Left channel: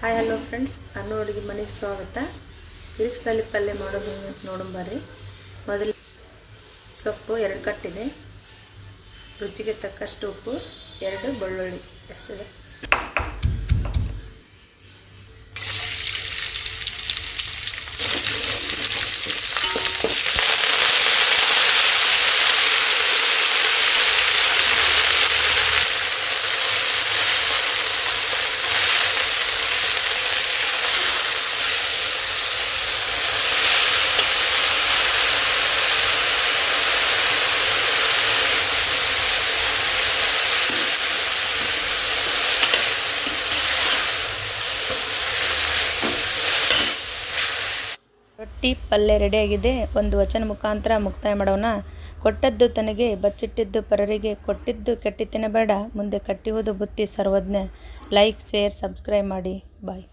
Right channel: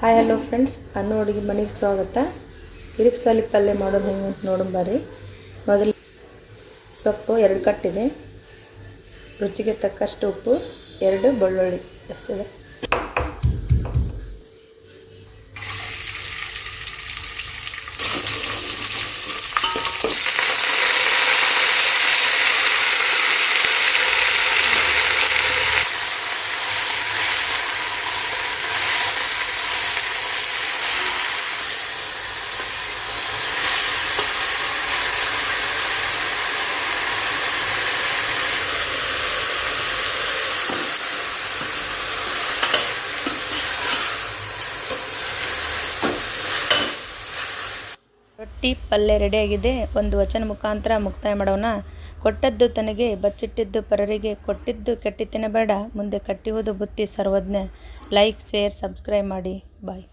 Hi hello friends, ಅನ್ನು ಅಡುಗೆ ಮನೆಗೆ ಸ್ವಾಗತ. ಹಿರಿಕ್ಸಾಲಿ ಪಲ್ಯ ಮಾಡೋದು ಹೆಂಗೆ ಅಂತ ನೋಡೋಣ ಬರ್ರಿ. ಮೊದಲು ಸೊಪ್ಪು 2 ಕಟ್ಟಿದೆ, ರುಚಿಗೆ ತಕ್ಕಷ್ಟು ಉಪ್ಪು, 2 ಬೆಳ್ಳುಳ್ಳಿ ಎಸೆದೆ. ರೊಟ್ಟಿ ಪಲ್ಯ ರೆಡಿಯಾಗಿದೆ. ಒಂದು ವಚನ ಮುಖಾಂತರ ಮುಕ್ತಾಯ ಮಾಡೋಣ. ಕೊಟ್ಟದ್ದು ತನಗೆ, ಬಚ್ಚಿಟ್ಟಿದ್ದು ಪರರಿಗೆ, ಕೊಟ್ಟಿದ್ದು ಕೆಟ್ಟಿ ತಿನ್ನಬೇಡ, ಮುಂದೆ ಕಟ್ಟಿಯುವುದು ಬುತ್ತಿ ಸರ್ವಜ್ಞ. ಲೈಕ್, ಶೇರ್, ಸಬ್ಸ್ಕ್ರೈಬ್ ಮಾಡಿ. ಬಾಯ್.